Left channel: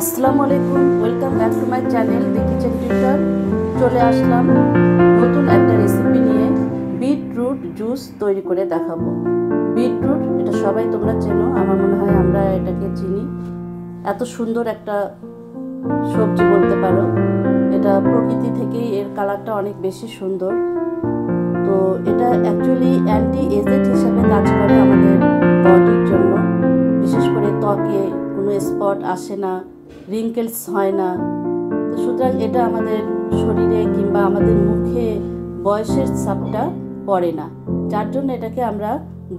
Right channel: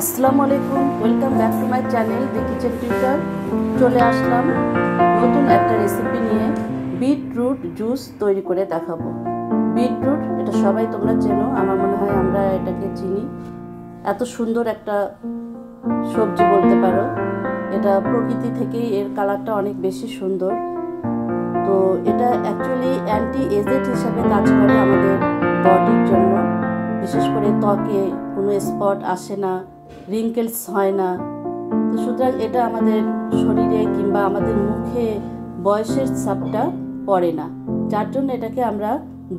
আসসালামু আলাইকুম, welcome back to my channel the kitchen tutor. চলে আসলাম নতুন একটা রেসিপি নিয়ে। বিটরুট জুস তৈরি করে দেখাবো। বিটরুট এটা সবাই তোমরা চেনো, আমার মনে হয় আমরা এটাকে চিনি। এত সুন্দর একটা সবজি বলতে পারো। এটা প্রকৃতি থেকেই এর কালারটা অনেক বেশি সুন্দর। তো এটা অ্যাকচুয়ালি অ্যান্টি এজেড হিসাবে কাজ করে আমাদের বডির জন্য। বিশেষ করে ত্বকে কোনো স্পট আসে না, রিঙ্কেলস হয় না। তো সুতরাং এটা আমাদের শরীরে কিংবা আমাদের মুখে বয়সের ছাপটা পড়ে না, যার জন্য এটাকে আমরা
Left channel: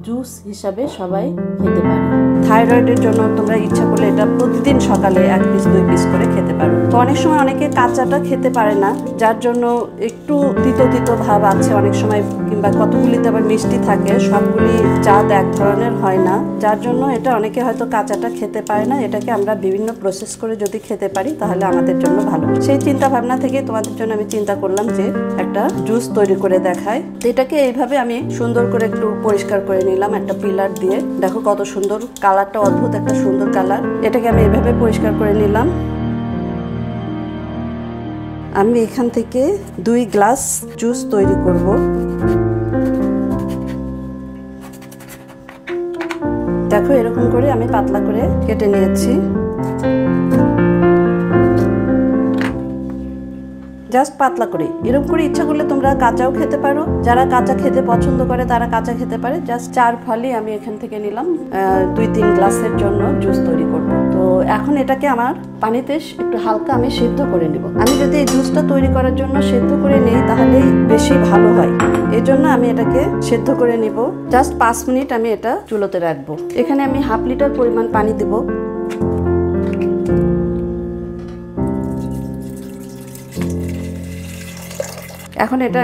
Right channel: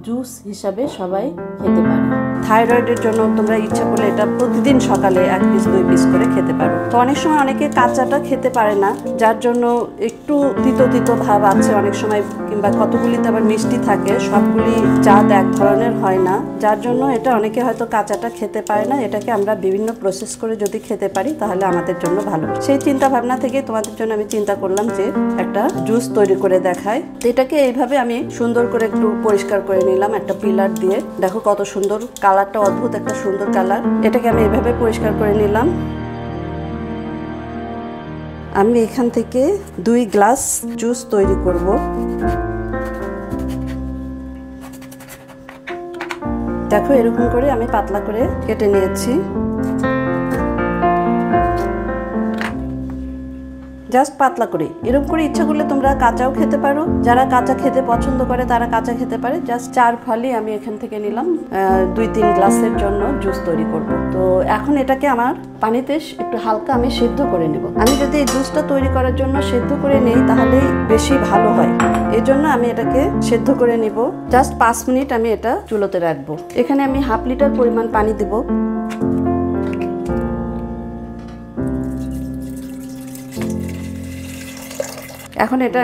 জুস হিসাবে সবাই খেতে পারি। থাইরয়েডের জন্য তোমরা ইচ্ছা করলে এটা প্রতিদিন সকালে 1 পিস 2 পিস করে খেতে পারো। তো অনেক সময় অনেকে কাঁচাটা খেতে পারে না, যার জন্য একটু তিতো তিতো ভাব আছে অনেক সময়, কিংবা কতগুলিতে আবার মিষ্টি থাকে। সবগুলি জাত এক ধরনের হয় না, যার জন্য এটা অনেকে হয়তো কাঁচাটা খেতে পারে না। এটাকে আমরা বিভিন্ন প্রসেস করে যদি খেতে পারি তাহলে আমাদের জন্য ভালো। সেই চিন্তা ভাবনা থেকে তোমাদের জন্য আমি চিন্তা করলাম যে একটা জুস তৈরি করে দেখাই। তো এটাকে এইভাবে আমি সুন্দর করে একটু পরিষ্কার করে নিলাম একটা পিলার দিয়ে। দেখো কত সুন্দর কালারটা, অদ্ভুত একটা সুন্দর কালার। এটাকে আমি এভাবে পরিষ্কার করে নিলাম। আমি এখান থেকে 2 গ্লাস জুস তৈরি করব। দেখো এরকম করে আমি পাতলা করে কেটে নিয়েছি। জাস্ট পাতলা করে, এরকম করে ইচ্ছা করলে তোমরা কাঁচাও খেতে পারো। যারা কাঁচা খেতে পছন্দ করে তারা কাঁচা খেতে পারে। জাস্ট 4 ফালি আমি এখান থেকে নিলাম 2-3 গ্লাসের জন্য জুস তৈরি করব। তো এখন এটাকে আমার পানিতে একটু হালকা আমি সেদ্ধ করে নেব। আমি যদি এই জুসটা তৈরি করার জন্য সেদ্ধ করে নেই তাহলেই বেশি ভালো হয়। এই জন্য আমি এটাকে সেদ্ধ করে নিব। জাস্ট 5 মিনিট আমি এটা চুলোতে রাখবো। এখানে আমি 1/2 লিটার পরিমাণ পানি দেব। এখন এটা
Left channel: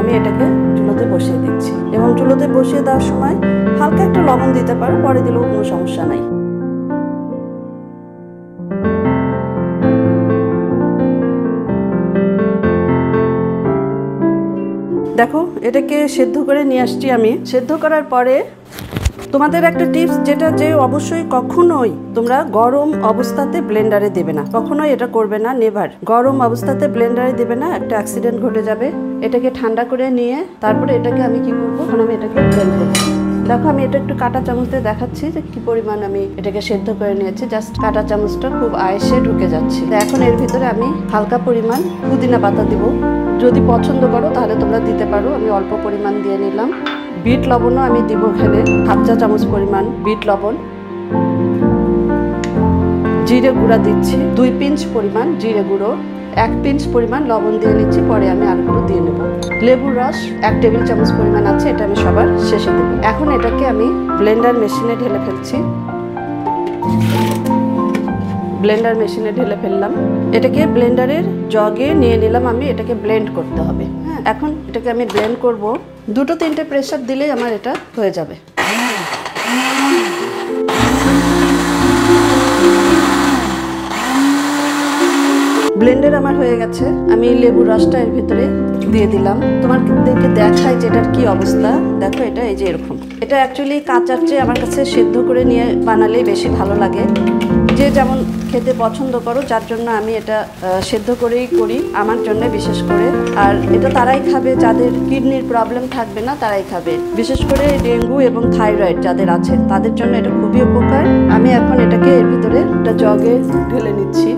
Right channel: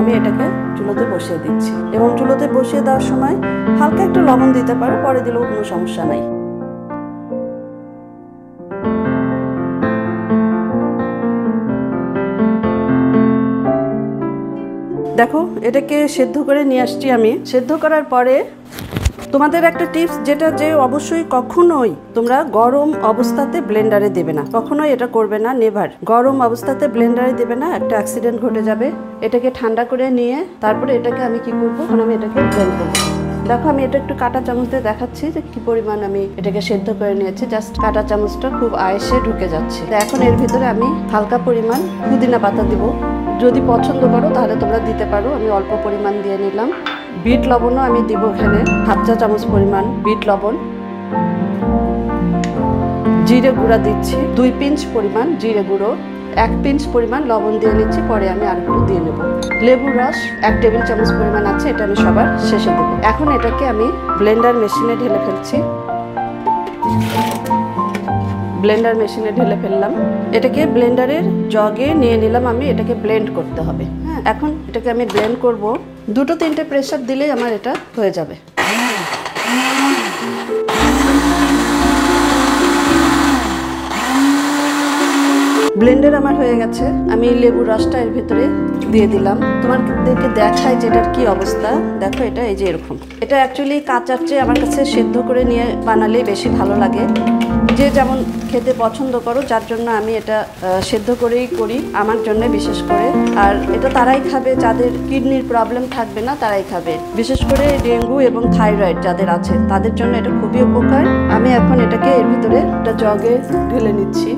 আমি এটাকে চুলোতে বসিয়ে দিচ্ছি, এবং চুলোতে বসিয়ে দেওয়ার সময় হালকা একটু লবণ দিতে পারো, পরে দিলেও কোনো সমস্যা নাই। দেখো এটাকে সেদ্ধ করে নিয়ে আসছি আমি। সেদ্ধ করার পরে তোমাদের একটা টিপস, যেটা যে অবশ্যই কখনোই তোমরা গরম অবস্থাতে ব্লেন্ডারে দেবে না। কখনোই এটা করবে না, নেভার। গরম অবস্থাতে ব্লেন্ডারে দেবে না, একটা অ্যাক্সিডেন্ট ঘটে যাবে। এটাকে ঠান্ডা করে নিয়ে তারপরে এটাকে আমি কি করব, এখন আমি এটাকে ব্লেন্ড করব। দেখো আমি এটা একটু কাঁটা চামচ দিয়ে দেখাচ্ছি যে কি পরিমাণ আমি এটাকে সেদ্ধ করে নিয়েছি। জাস্ট কাঁটা চামচটা খুব আয়েসে ঢুকে যাচ্ছে। তো এখন এর ভিতরে আমি হালকা পরিমাণ পুদিনা পাতা দিব। যদি পছন্দ করো তাহলে তোমরা দিতে পারো। আমি অল্প পরিমাণ দিয়ে নিলাম। বিট লবণও আমি দিব এখানে 1/2 চা চামচ পরিমাণ বিট লবণ। জিরে গুঁড়া দিচ্ছি 2 পিঞ্চ পরিমাণ জিরে গুঁড়ো। 1 পিঞ্চ পরিমাণ লবণ দিয়ে নিচ্ছি, পরে আমি আর একটু দিয়ে নেব। লেবুর রস 1 টেবিল চামচ পরিমাণ আছে, এটা আমি সবার শেষে দেব। এখন এটাকে আমি ব্লেন্ডার মেশিনে ঢেলে ফেলছি। ব্লেন্ডার মেশিনে ঢেলে ফেললাম। এটাকে ব্লেন্ডারের জগে নিয়ে নিলাম আমি। এটাকে ব্লেন্ড করতে হবে। হ্যাঁ, এখন এটাকে আমি ব্লেন্ড করব। 2-3টে প্রেসার দিলেই আমার এটা হয়ে যাবে। ব্লেন্ডার আমার হয়ে গেছে। আমি লেবুর রসটা এর ভিতরে দিয়ে দিলাম। তোমাদেরকে দেখাই যে এটার কি অবস্থা। দেখো এটা এই যে এরকম। এটা অ্যাকচুয়ালি কাঁচার চেয়ে আমার কাছে সেদ্ধ করে নিয়ে বানালে বেশি ভালো লাগে। যে যেমন খেতে পছন্দ করো, যার জন্য আমি এটা সেদ্ধ করেই করি, আমার জন্য বিশেষ করে। আর এটা তারাই খাবে যাদের কিডনির প্রবলেম থাকবে না, তারাই খাবে। বিশেষ করে ডেঙ্গু এবং থাইরয়েড যাদের আছে তাদের জন্য এটা খুবই উপকার। আমি এখন এটাকে এর ভিতরে একটা জগে ঢেলে নিচ্ছি।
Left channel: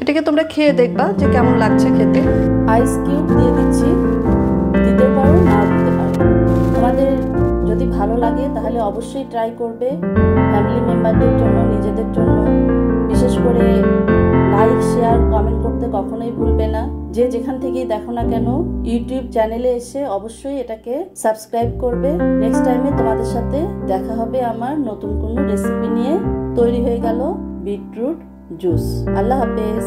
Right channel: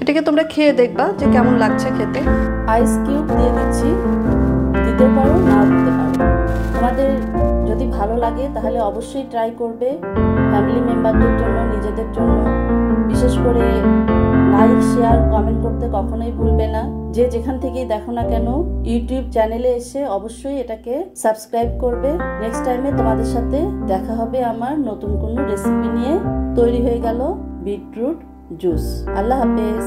এটাকে তোমরা খেয়ে দেখবা যে কেমন লাগছে খেতে। আইস কিউব দিয়ে দিচ্ছি, দিতে পারো নাও দিতে পারো। তোমাদের যদি ভালো লাগে তাহলে অবশ্যই ট্রাই করবে। ফ্যামিলি মেম্বারদের জন্য, নিজেদের জন্য। বিশেষ করে লাইক, শেয়ার, কমেন্ট করতে কখনোই ভুলবে না। যে যেখান থেকেই দেখো না কেন ইউটিউব চ্যানেলে এসে অবশ্যই এটাকে সাবস্ক্রাইব করবে। নেক্সট টাইমে তোমাদের সাথে দেখা হবে আমার নতুন কোনো রেসিপি নিয়ে। তৈরি হয়ে গেল বিটরুট জুস। আল্লাহ হাফেজ।